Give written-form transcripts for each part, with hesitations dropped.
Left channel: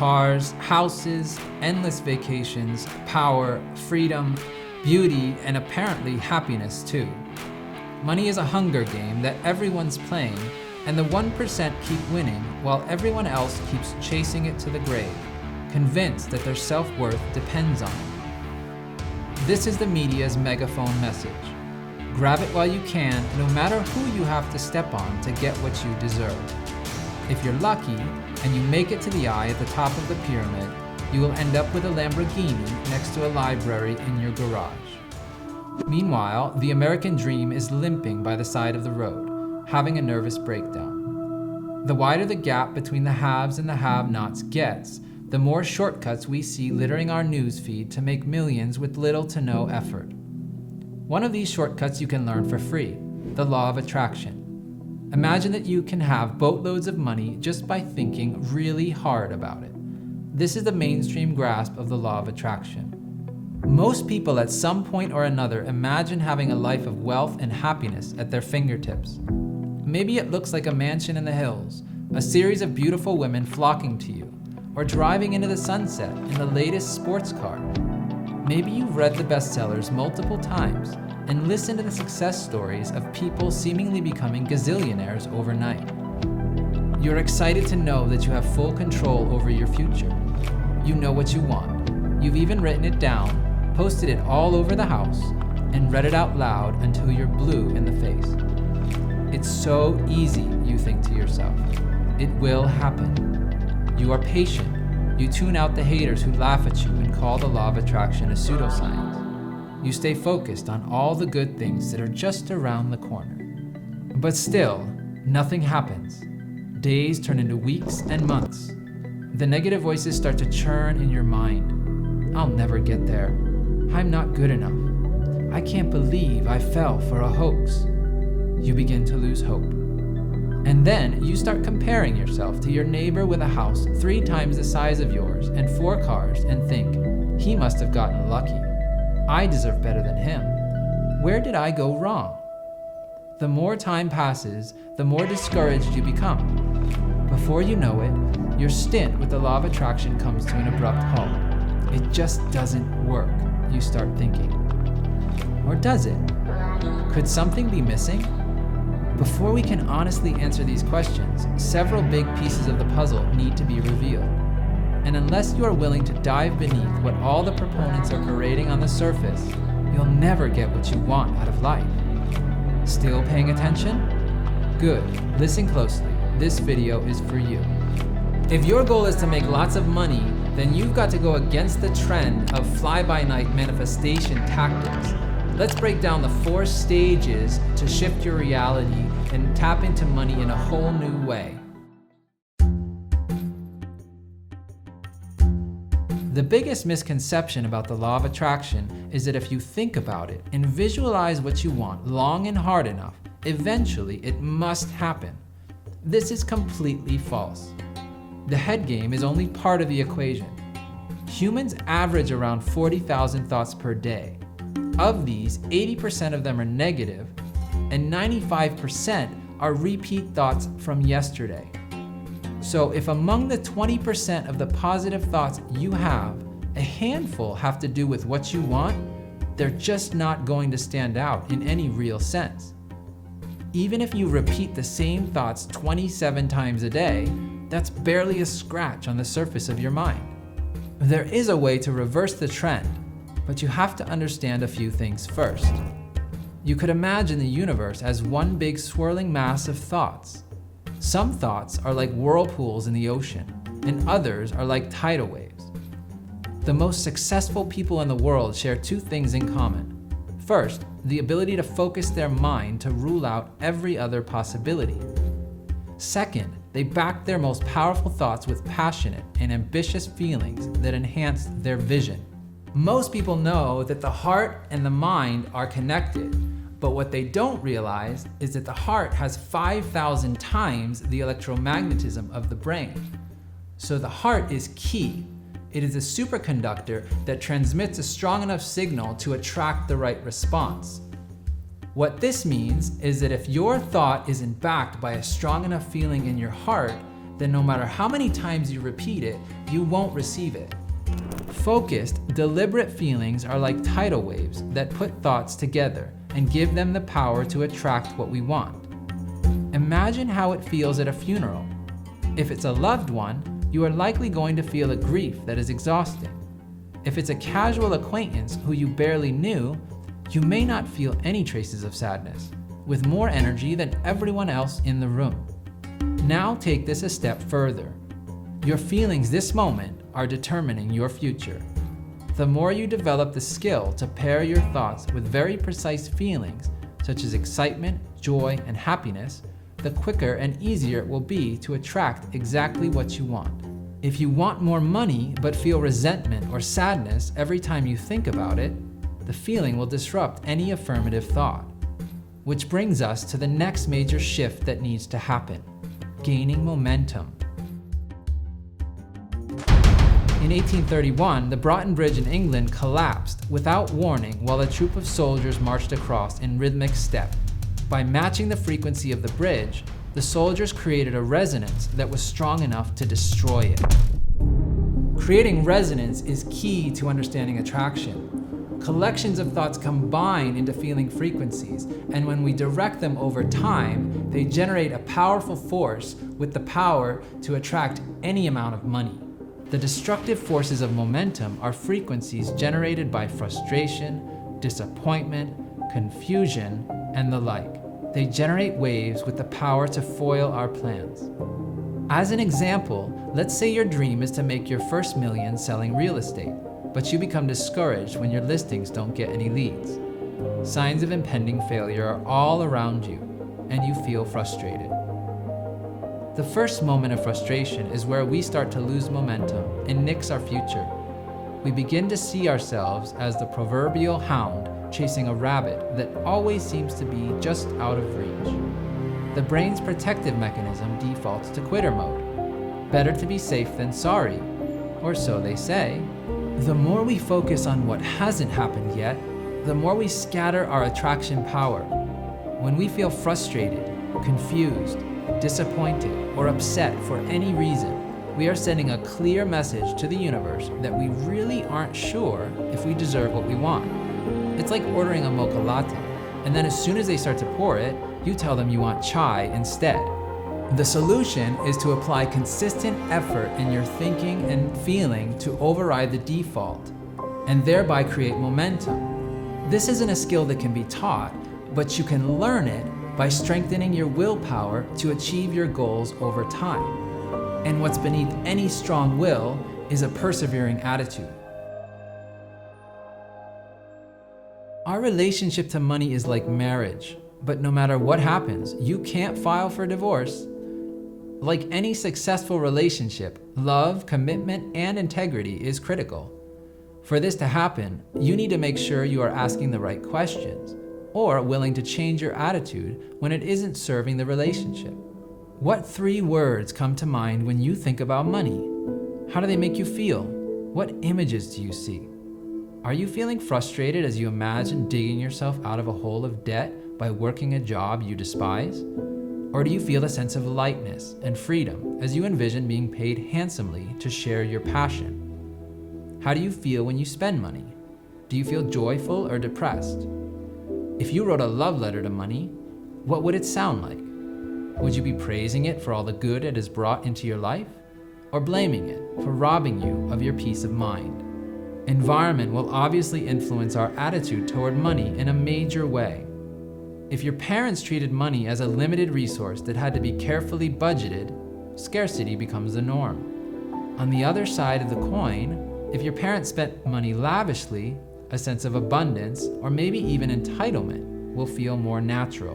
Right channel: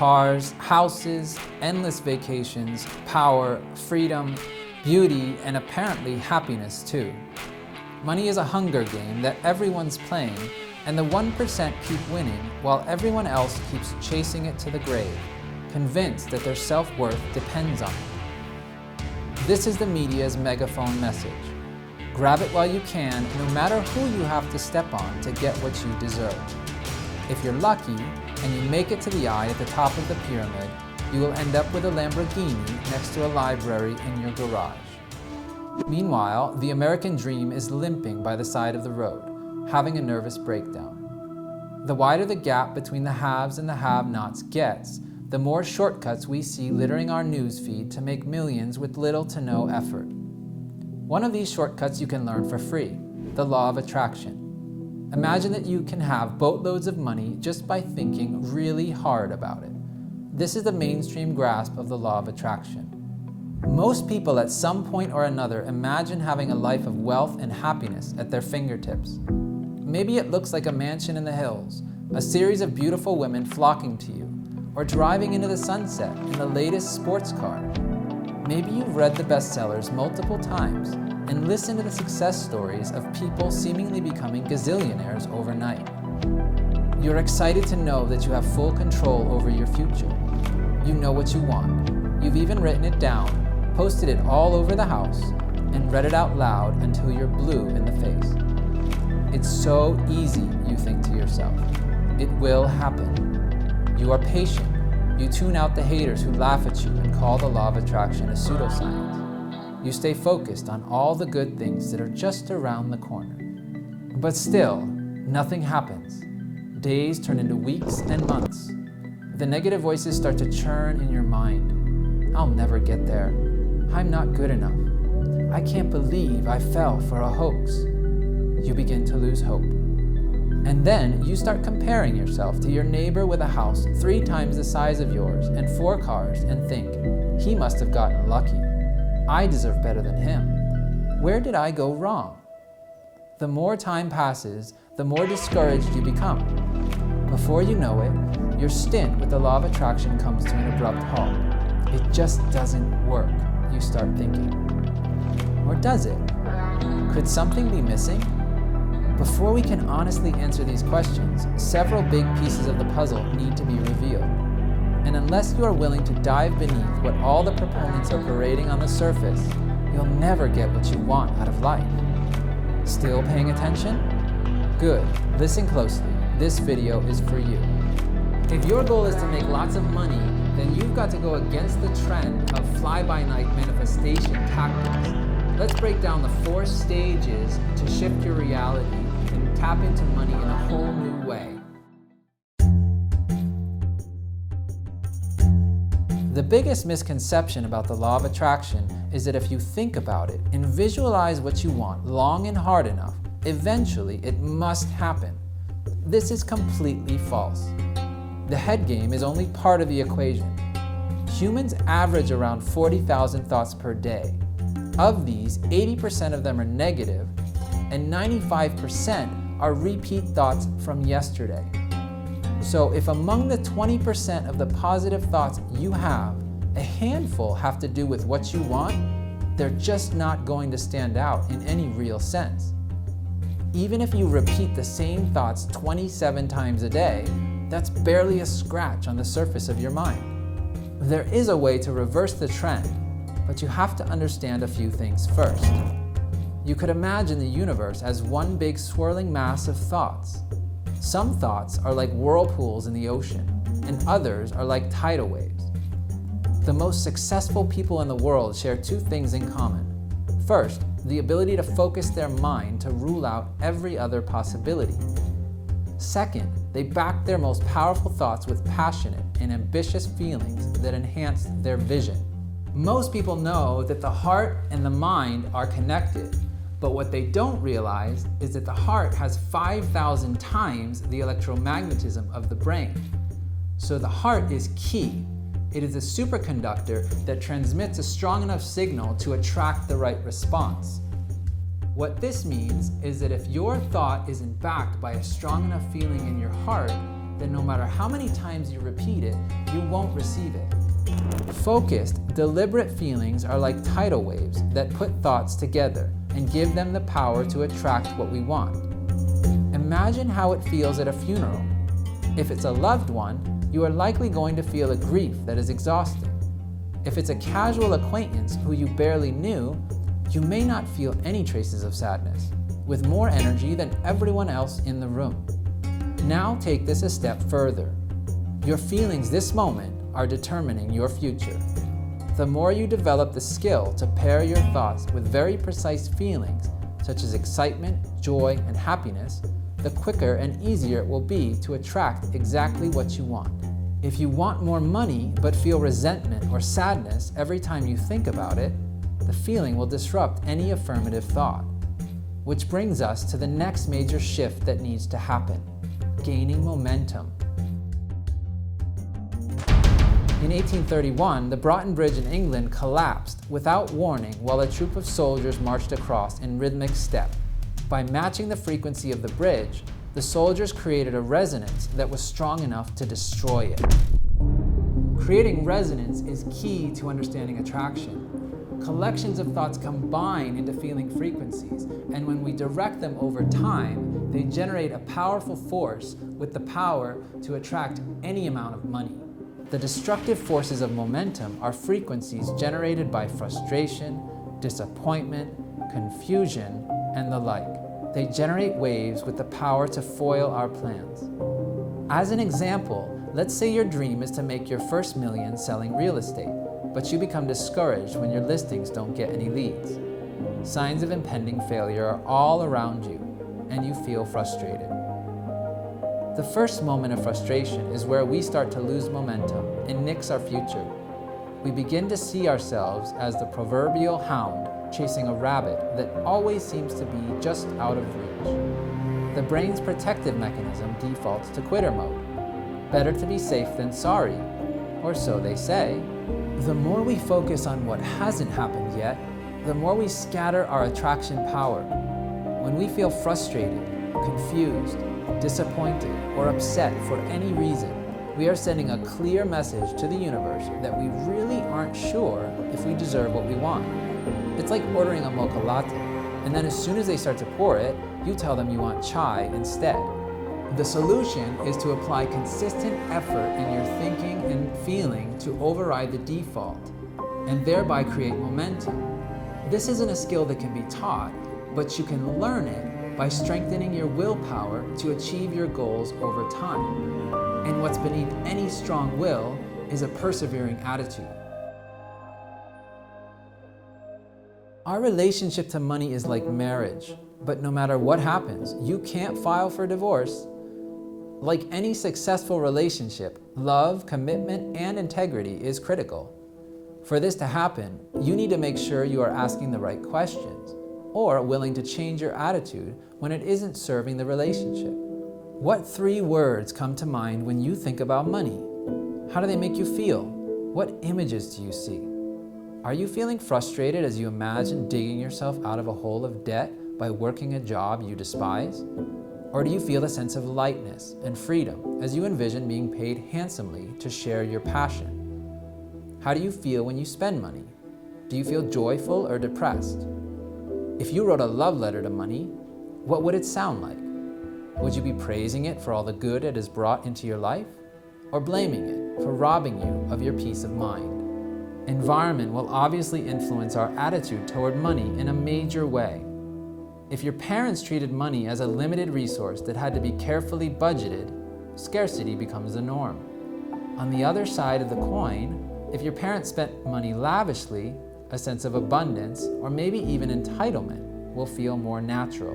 cars, houses, endless vacations, power, freedom, beauty, and apparently happiness too. Money is a hunger game that everyone's playing, and the 1% keep winning while everyone else keeps chasing it to the grave, convinced that their self-worth depends on it. This is the media's megaphone message. Grab it while you can, no matter who you have to step on to get what you deserve. If you're lucky and you make it to the eye at the top of the pyramid, you will end up with a Lamborghini next to a library in your garage. Meanwhile, the American dream is limping by the side of the road, having a nervous breakdown. The wider the gap between the haves and the have-nots gets, the more shortcuts we see littering our newsfeed to make millions with little to no effort. One of these shortcuts you can learn for free, the law of attraction. Imagine that you can have boatloads of money just by thinking really hard about it. This is the mainstream grasp of the law of attraction. Most people at some point or another imagine having a life of wealth and happiness at their fingertips. Maybe it looks like a mansion in the hills, a series of beautiful women flocking to you, or driving into the sunset in the latest sports car. Maybe you've read the bestsellers multiple times and listened to the success stories of people seemingly becoming gazillionaires overnight. You're excited to know that you have full control over your future. You know what you want. You've even written it down, posted it all over the house, and read it out loud until you're blue in the face. It's so easy, you think to yourself. It will happen. You are patient. You tune out the haters who laugh at you and call the law of attraction a pseudoscience. You stay focused on all the good things that are just around the corner. But still, nothing happens. Days turn into weeks and months. The negative voices start to churn in your mind. I'll never get there. I'm not good enough. I can't believe I fell for a hoax. You begin to lose hope. And then you start comparing yourself to your neighbor with a house 3 times the size of yours and 4 cars and think, he must have gotten lucky. I deserve better than him. Where did I go wrong? The more time passes, the more discouraged you become. Before you know it, your stint with the law of attraction comes to an abrupt halt. It just doesn't work, you start thinking. Or does it? Could something be missing? Before we can honestly answer these questions, several big pieces of the puzzle need to be revealed. And unless you are willing to dive beneath what all the proponents are parading on the surface, you'll never get what you want out of life. Still paying attention? Good. Listen closely. This video is for you. If your goal is to make lots of money, then you've got to go against the trend of fly-by-night manifestation tactics. Let's break down the 4 stages to shift your reality and tap into money in a whole new way. The biggest misconception about the law of attraction is that if you think about it and visualize what you want long and hard enough, eventually it must happen. This is completely false. The head game is only part of the equation. Humans average around 40,000 thoughts per day. Of these, 80% of them are negative, and 95% are repeat thoughts from yesterday. So if among the 20% of the positive thoughts you have, a handful have to do with what you want, they're just not going to stand out in any real sense. Even if you repeat the same thoughts 27 times a day, that's barely a scratch on the surface of your mind. There is a way to reverse the trend, but you have to understand a few things first. You could imagine the universe as one big swirling mass of thoughts. Some thoughts are like whirlpools in the ocean, and others are like tidal waves. The most successful people in the world share 2 things in common. First, the ability to focus their mind to rule out every other possibility. Second, they back their most powerful thoughts with passionate and ambitious feelings that enhance their vision. Most people know that the heart and the mind are connected, but what they don't realize is that the heart has 5,000 times the electromagnetism of the brain. So the heart is key. It is a superconductor that transmits a strong enough signal to attract the right response. What this means is that if your thought isn't backed by a strong enough feeling in your heart, then no matter how many times you repeat it, you won't receive it. Focused, deliberate feelings are like tidal waves that put thoughts together and give them the power to attract what we want. Imagine how it feels at a funeral. If it's a loved one, you are likely going to feel a grief that is exhausting. If it's a casual acquaintance who you barely knew, you may not feel any traces of sadness, with more energy than everyone else in the room. Now take this a step further. Your feelings this moment are determining your future. The more you develop the skill to pair your thoughts with very precise feelings, such as excitement, joy, and happiness, the quicker and easier it will be to attract exactly what you want. If you want more money but feel resentment or sadness every time you think about it, the feeling will disrupt any affirmative thought. Which brings us to the next major shift that needs to happen: gaining momentum. In 1831, the Broughton Bridge in England collapsed without warning while a troop of soldiers marched across in rhythmic step. By matching the frequency of the bridge, the soldiers created a resonance that was strong enough to destroy it. Creating resonance is key to understanding attraction. Collections of thoughts combine into feeling frequencies, and when we direct them over time, they generate a powerful force with the power to attract any amount of money. The destructive forces of momentum are frequencies generated by frustration, disappointment, confusion, and the like. They generate waves with the power to foil our plans. As an example, let's say your dream is to make your first million selling real estate, but you become discouraged when your listings don't get any leads. Signs of impending failure are all around you, and you feel frustrated. The first moment of frustration is where we start to lose momentum and nix our future. We begin to see ourselves as the proverbial hound chasing a rabbit that always seems to be just out of reach. The brain's protective mechanism defaults to quitter mode. Better to be safe than sorry, or so they say. The more we focus on what hasn't happened yet, the more we scatter our attraction power. When we feel frustrated, confused, disappointed, or upset for any reason, we are sending a clear message to the universe that we really aren't sure if we deserve what we want. It's like ordering a mocha latte, and then as soon as they start to pour it, you tell them you want chai instead. The solution is to apply consistent effort in your thinking and feeling to override the default, and thereby create momentum. This isn't a skill that can be taught, but you can learn it by strengthening your willpower to achieve your goals over time. And what's beneath any strong will is a persevering attitude. Our relationship to money is like marriage, but no matter what happens, you can't file for divorce. Like any successful relationship, love, commitment, and integrity is critical. For this to happen, you need to make sure you are asking the right questions, or willing to change your attitude when it isn't serving the relationship. What 3 words come to mind when you think about money? How do they make you feel? What images do you see? Are you feeling frustrated as you imagine digging yourself out of a hole of debt by working a job you despise? Or do you feel a sense of lightness and freedom as you envision being paid handsomely to share your passion? How do you feel when you spend money? Do you feel joyful or depressed? If you wrote a love letter to money, what would it sound like? Would you be praising it for all the good it has brought into your life, or blaming it for robbing you of your peace of mind? Environment will obviously influence our attitude toward money in a major way. If your parents treated money as a limited resource that had to be carefully budgeted, scarcity becomes the norm. On the other side of the coin, if your parents spent money lavishly, a sense of abundance, or maybe even entitlement, will feel more natural.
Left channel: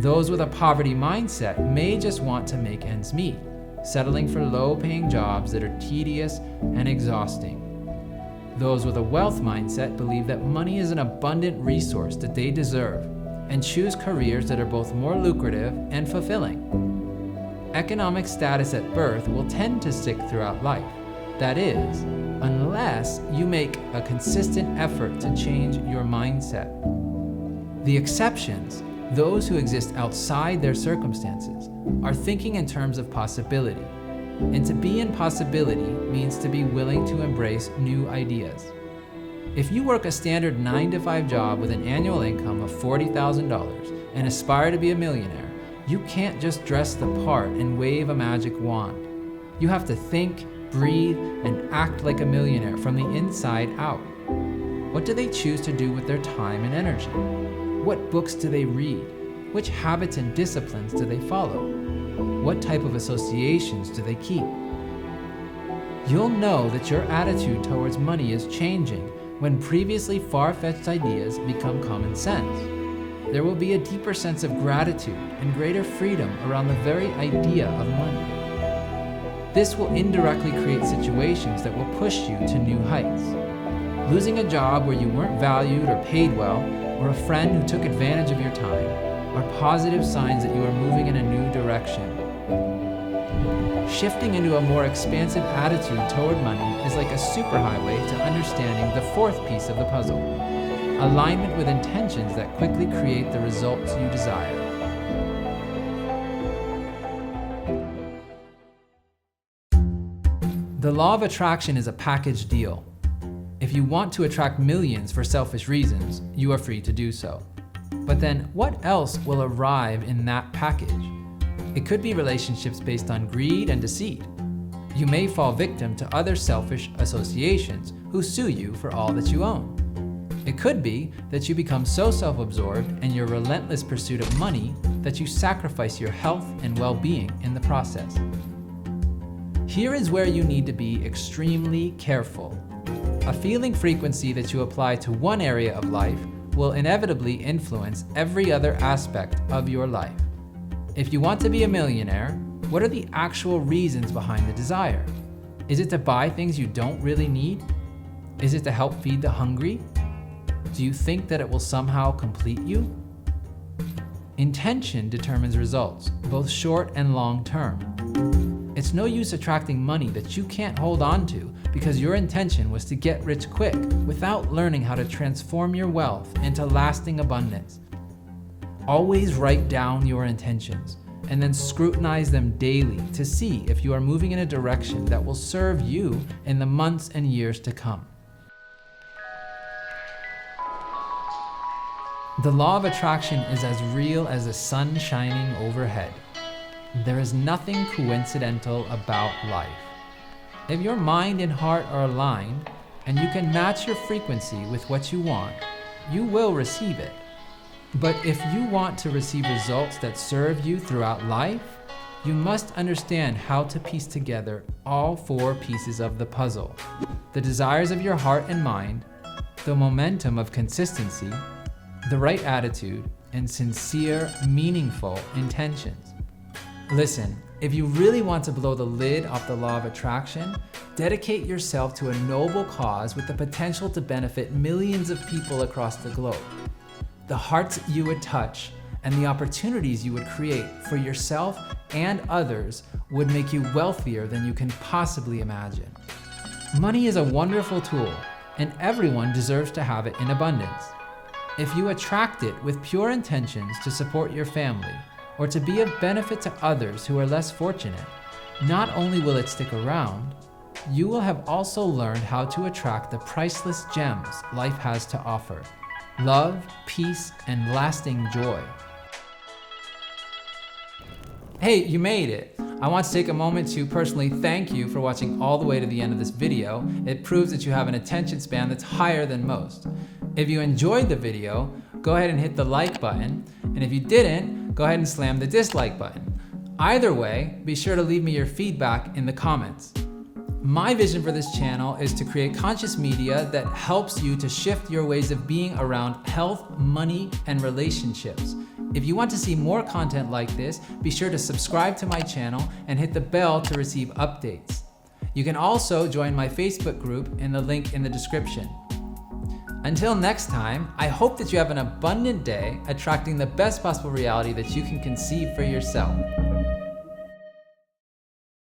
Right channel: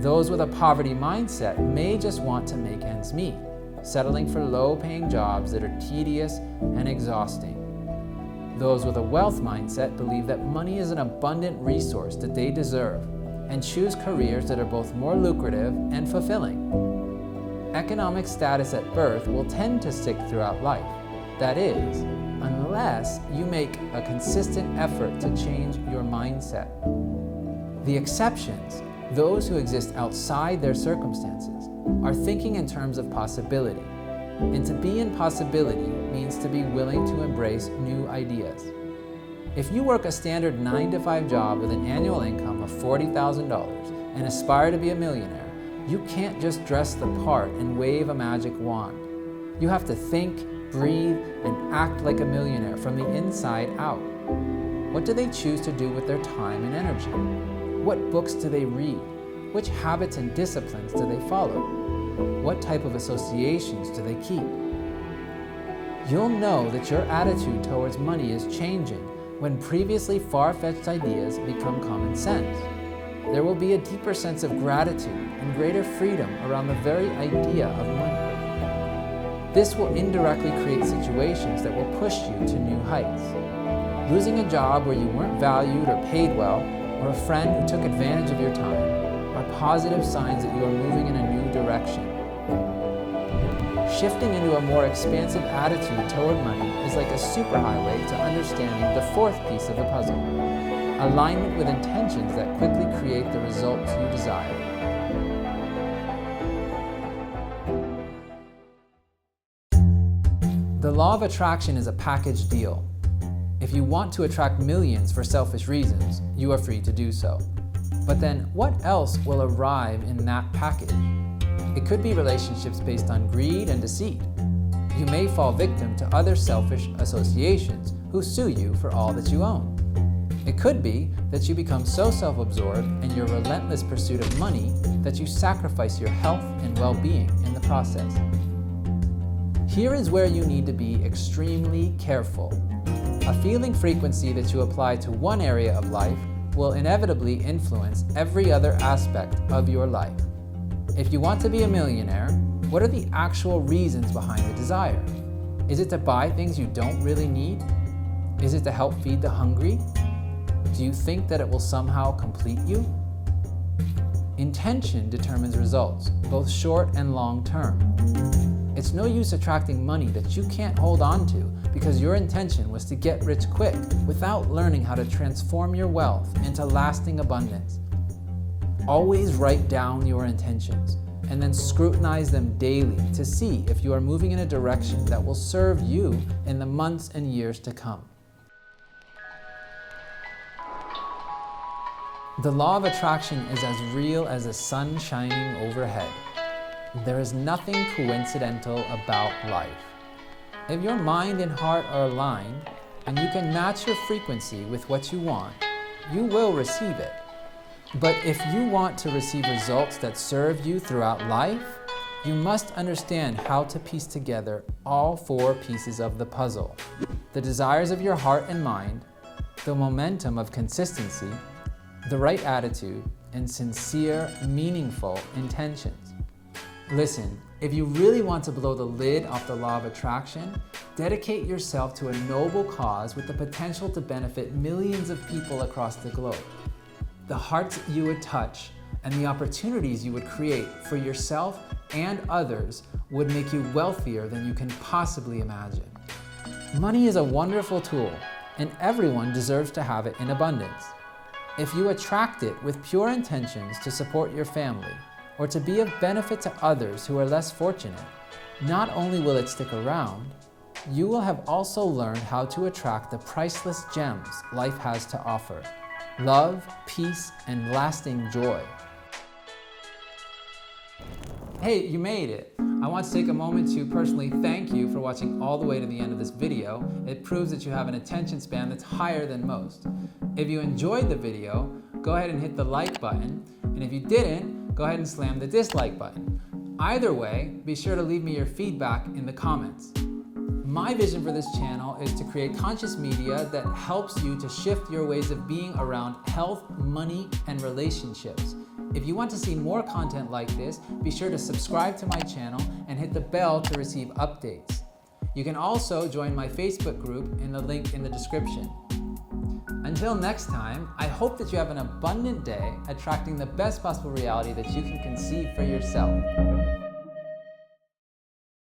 Those with a poverty mindset may just want to make ends meet, settling for low-paying jobs that are tedious and exhausting. Those with a wealth mindset believe that money is an abundant resource that they deserve, and choose careers that are both more lucrative and fulfilling. Economic status at birth will tend to stick throughout life. That is, unless you make a consistent effort to change your mindset. The exceptions, those who exist outside their circumstances, are thinking in terms of possibility. And to be in possibility means to be willing to embrace new ideas. If you work a standard 9-to-5 job with an annual income of $40,000 and aspire to be a millionaire, you can't just dress the part and wave a magic wand. You have to think, breathe, and act like a millionaire from the inside out. What do they choose to do with their time and energy? What books do they read? Which habits and disciplines do they follow? What type of associations do they keep? You'll know that your attitude towards money is changing when previously far-fetched ideas become common sense. There will be a deeper sense of gratitude and greater freedom around the very idea of money. This will indirectly create situations that will push you to new heights. Losing a job where you weren't valued or paid well, or a friend who took advantage of your time, are positive signs that you are moving in a new direction. Shifting into a more expansive attitude toward money is like a superhighway to understanding the fourth piece of the puzzle: alignment with intentions that quickly create the results you desire. The law of attraction is a package deal. If you want to attract millions for selfish reasons, you are free to do so. But then what else will arrive in that package? It could be relationships based on greed and deceit. You may fall victim to other selfish associations who sue you for all that you own. It could be that you become so self-absorbed in your relentless pursuit of money that you sacrifice your health and well-being in the process. Here is where you need to be extremely careful. A feeling frequency that you apply to one area of life will inevitably influence every other aspect of your life. If you want to be a millionaire, what are the actual reasons behind the desire? Is it to buy things you don't really need? Is it to help feed the hungry? Do you think that it will somehow complete you? Intention determines results, both short and long term. It's no use attracting money that you can't hold on to because your intention was to get rich quick without learning how to transform your wealth into lasting abundance. Always write down your intentions and then scrutinize them daily to see if you are moving in a direction that will serve you in the months and years to come. The law of attraction is as real as the sun shining overhead. There is nothing coincidental about life. If your mind and heart are aligned, and you can match your frequency with what you want, you will receive it. But if you want to receive results that serve you throughout life, you must understand how to piece together all four pieces of the puzzle: the desires of your heart and mind, the momentum of consistency, the right attitude, and sincere, meaningful intentions. Listen, if you really want to blow the lid off the law of attraction, dedicate yourself to a noble cause with the potential to benefit millions of people across the globe. The hearts you would touch and the opportunities you would create for yourself and others would make you wealthier than you can possibly imagine. Money is a wonderful tool, and everyone deserves to have it in abundance. If you attract it with pure intentions to support your family, or to be of benefit to others who are less fortunate, not only will it stick around, you will have also learned how to attract the priceless gems life has to offer: love, peace, and lasting joy. Hey, you made it! I want to take a moment to personally thank you for watching all the way to the end of this video. It proves that you have an attention span that's higher than most. If you enjoyed the video, go ahead and hit the like button, and if you didn't, go ahead and slam the dislike button. Either way, be sure to leave me your feedback in the comments. My vision for this channel is to create conscious media that helps you to shift your ways of being around health, money, and relationships. If you want to see more content like this, be sure to subscribe to my channel and hit the bell to receive updates. You can also join my Facebook group in the link in the description. Until next time, I hope that you have an abundant day, attracting the best possible reality that you can conceive for yourself.